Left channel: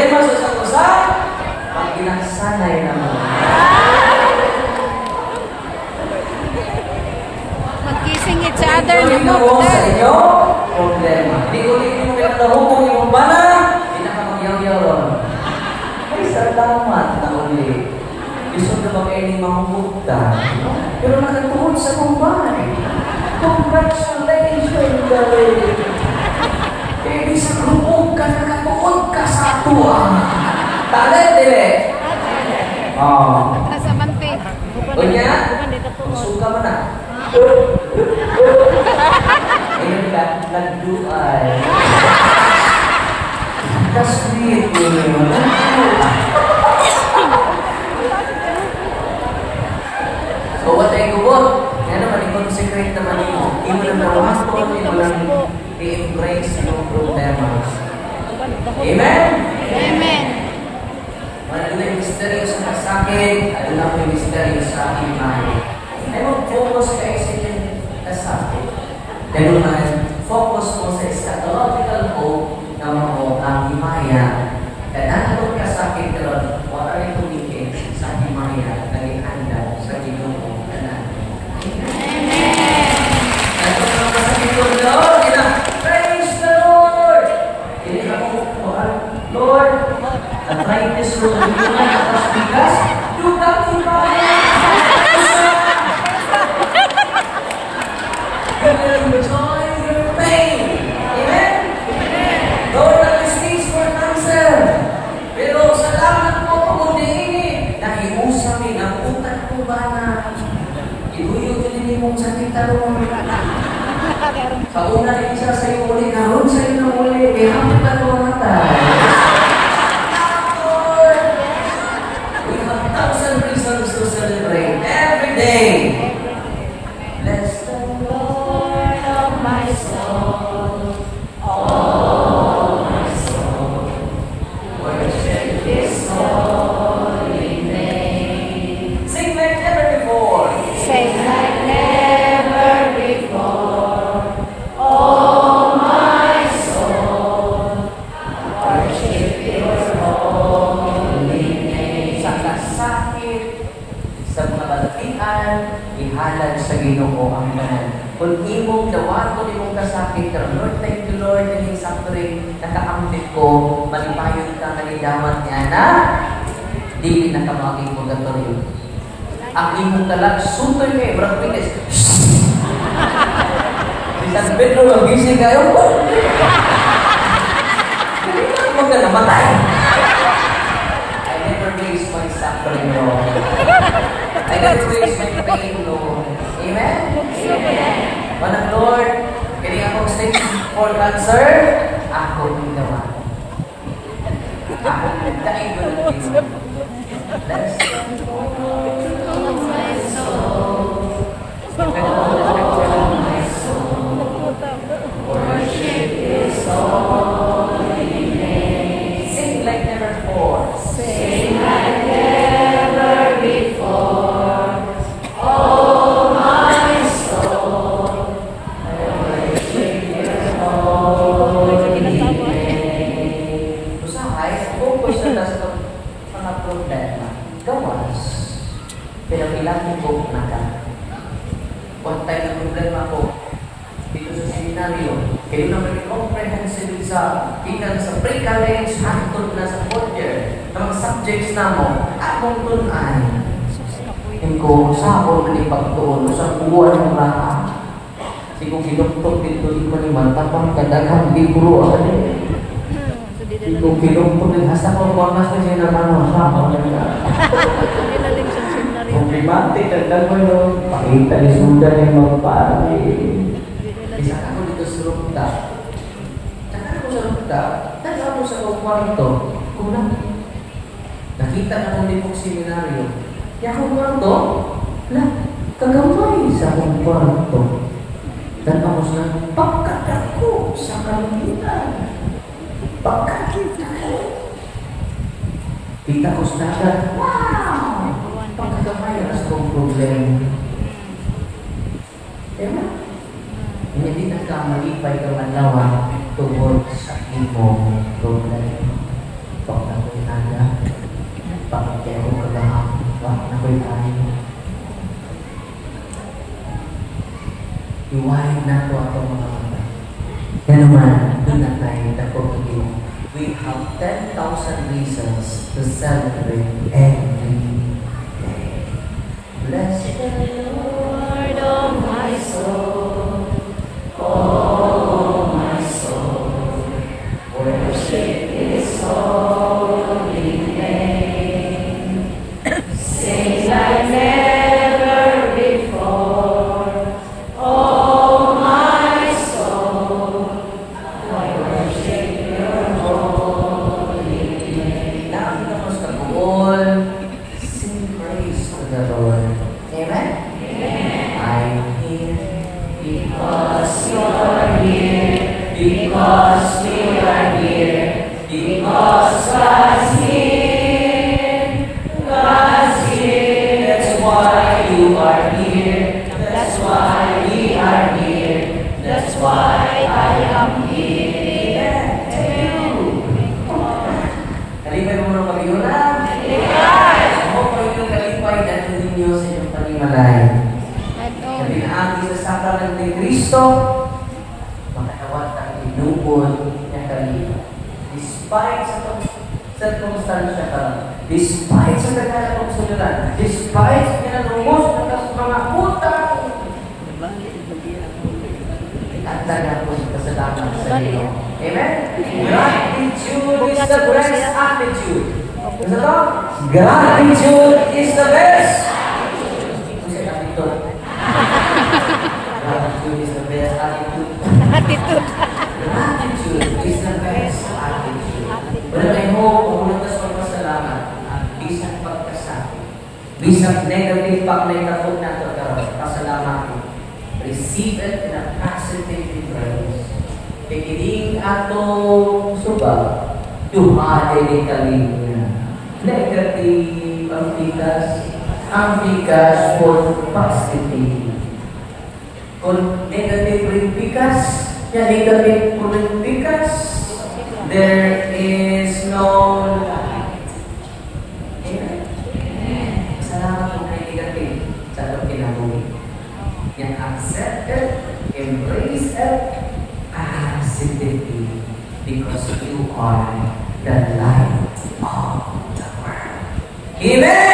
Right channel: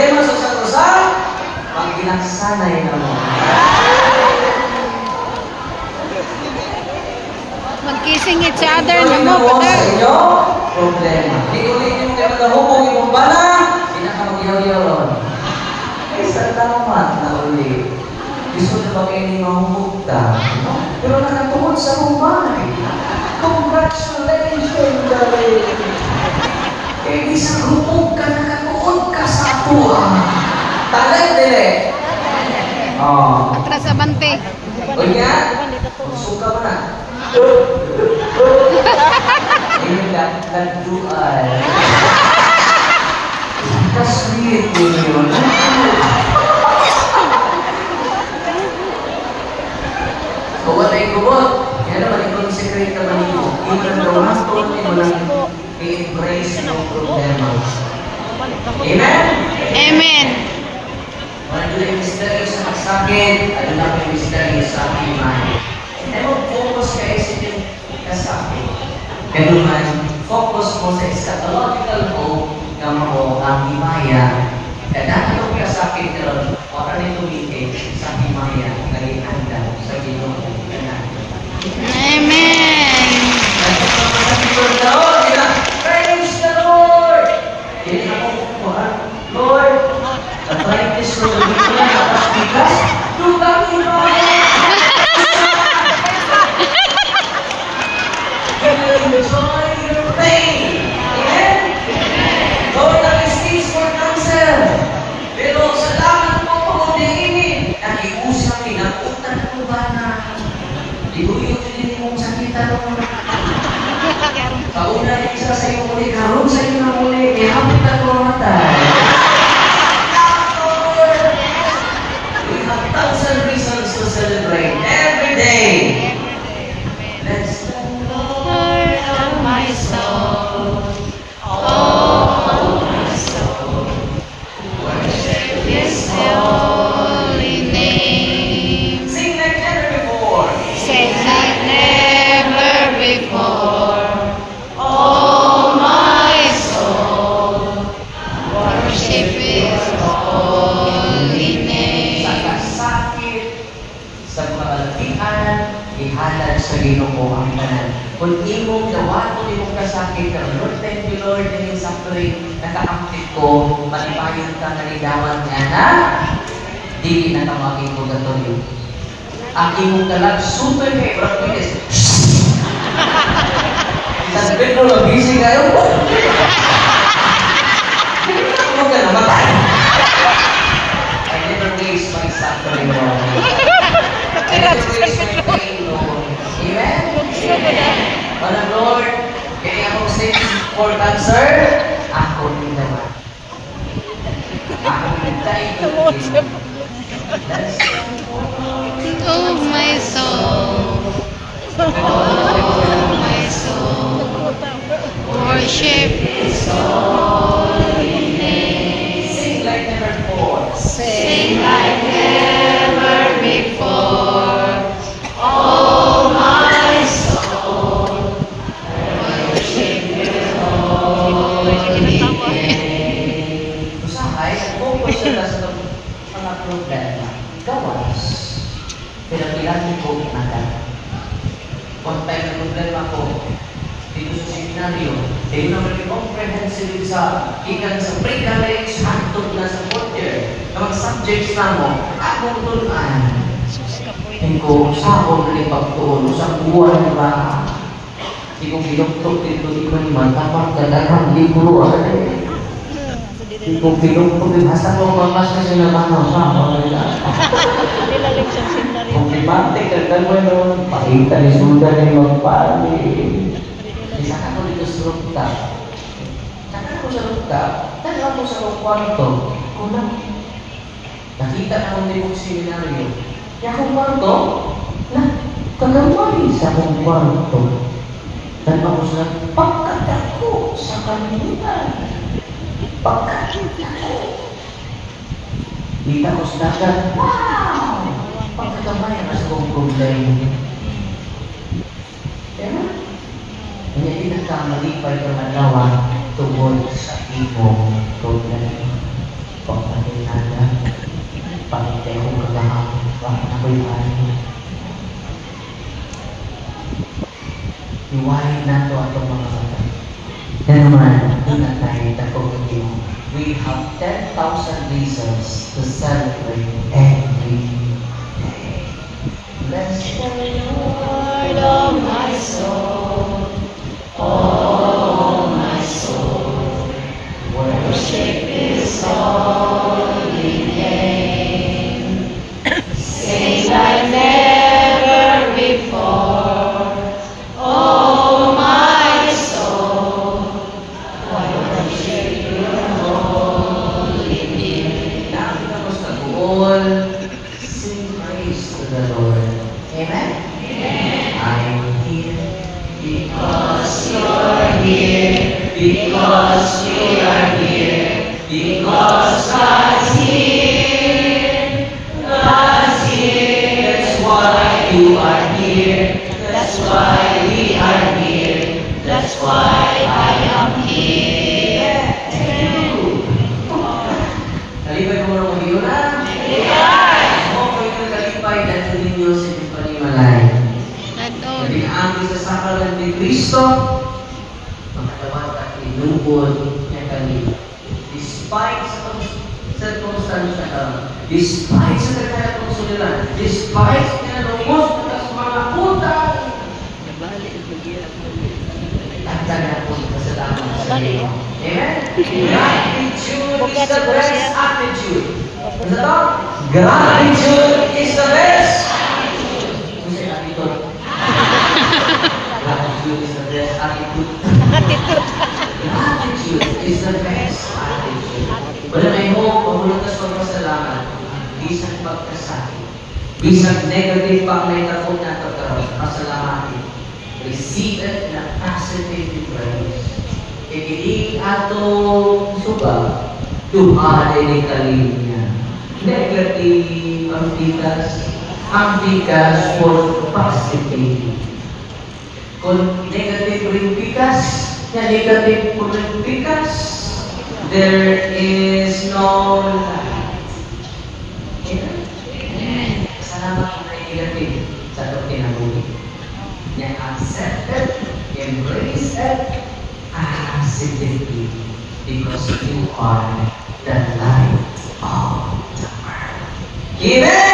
problema sa isang usan, pag ginaksanay na mo. Mag-kissing each other na Ituloy mo, mo sa brother. inyo, problema. Ituloy mo kayo nagahubong yung bala, hindi na ka mag-yaw-yaw ron. Ay, salamat na uli. Gusto na ba kayo ni mamumugta? Pero nakatuhod sa kumbay. Congratulations, darling. Eh, di sa grupog ka, nakatuhod ka sa atua. Talay, dili. Oh. Nasa bante. O niya, magsuka mo na. Ayun, nagduay. Kasweet mo yun. O, what ay kubot? Yan naman, ikaw yung secret naman nyo. Hindi mo lang nawasto, hindi mo lang i-embrace yung problema. Amen? Amen. Ano na yung mystery sa kasakit, ano na yung mystery sa aking mind. Ay mo, focus kayo sa inyong kasakit. Ganun man, focus mo sa eschatological hope na mo ang himaya. Kaya itong kasakit karon, wala na itumitin sa himaya na ihanda sa Ginoo na Amen. Praise the Lord! Hindi ako Lord, na-try this to the people na kapasikas, tukang himaya! Enjoy your pain. Amen? Lord, nag-stage for cancer. Pero salamat po po din. Nakiusap ni ng utang ko ba na iguyo din mong sakita doon. Sa una yung isa sa iyo uli, karoon sa iyo na uli, may hapit na kumatay. We have 1,000 reasons to celebrate every day. Let's My soul, oh my soul, worship His holy name. sing like never before. Sing like never before. Oh my soul, worship His holy name. Sa kasakit, sa mga balatian, ihalad sa Ginoo ang tanan. Kung imong dawato imong kasakit, Lord, thank you Lord, dahil sakto rin nakaamlit ko, malipayon ka nga nidawat nga na, di na ka maging purgatorio. Ang imong kalag, sutoy kayo, Brad Willis. Isang Pedro, mag-busy kayo. Hindi ka mo ka namatay. I never waste my suffering, Lord. I never waste my pain, Lord. Amen? Manang Lord, kaya akong stage for cancer, ako ni naman. Ako nagdaig ko. Oh my soul, oh my soul, worship His holy name. Sing like never before. Sing like never before. Oh my soul, worship His holy name. Usahay, focus na sa mga problema. Gawas. Pero ilang ko na ka. Kung tayo na problema ko, dito sa seminaryo, kayo naman yung comprehensive sa ikan sa pre-college, hantog na sa fourth year, na mga subjects na mo, akong tunan. Hindi ko sabon na ipagtuon sa buwan na hindi ko binuktok dito, di ko naman, tapang kadaghang libro. Hindi ko binuktok dito, hasta ko mamas na sila mga sabon na yan. Problematic, kagdan mo yun, pakita ni Sudan yung magpari. Isa ka ko dito sa rooftop. Saka ako sa rooftop, taga ako sa kwarto. Kung nakita naman din yung seminaryo, kaya akong kwarto, kagamay sa akong kwarto. Dan ako sa pagkatako sa kanilan. Pagkatako. Dita ko sa dagat, wow! Pagkakamay na sa akong problema. Diba? Hindi na ka malipay ka manawa tungkol sa ibong problema. tayo. Iwain na ito ang mga kata. Yan naman, doon na tayo tapos we have 10,000 reasons to celebrate every day. Bless The Lord, oh my soul, oh my soul, worship His holy name. Sing like never before, oh my soul, worship Your holy name. Tapos taguol, sing praise to the Lord. Amen? I'm here Because You're here, because You are here, because God's here, God's here. That's why You are here, that's why we are here, that's why I am here. Kalipay mo na mag-iulan. Ako po ito kalipay dahil ninyo sa inyong panimalay. Nabinaagi sa sakramen ni Cristo, makatawad ang inubod niya kami. Despite sa circumstansya ka, despite sa nagkaya kong suliran, despite sa kinalungos ng mga utang, at tagapon kasalamat sa iyo. Amen? Gratitude is the best attitude. Ano to? Gratitude is the best attitude. Ano siya attitude? Gratitude is the best attitude. Gratitude is the best attitude. Wala may hope, pamulutas pagpasalamat, ang isang pagkasakit. Bisang negative pang naitapon na pagkaroon, pasalamat. Receive it in a positive way. Pikiling atong suba, duhaday ni kalinya. Negative ang bigas for positive. Kung negative rin bigas, na negative po rin bigas, there is no light. Amen. Salamat kung may negative sa itong kinabuhi. Yan accept it, embrace it, positively, because you are the light of the world. Amen!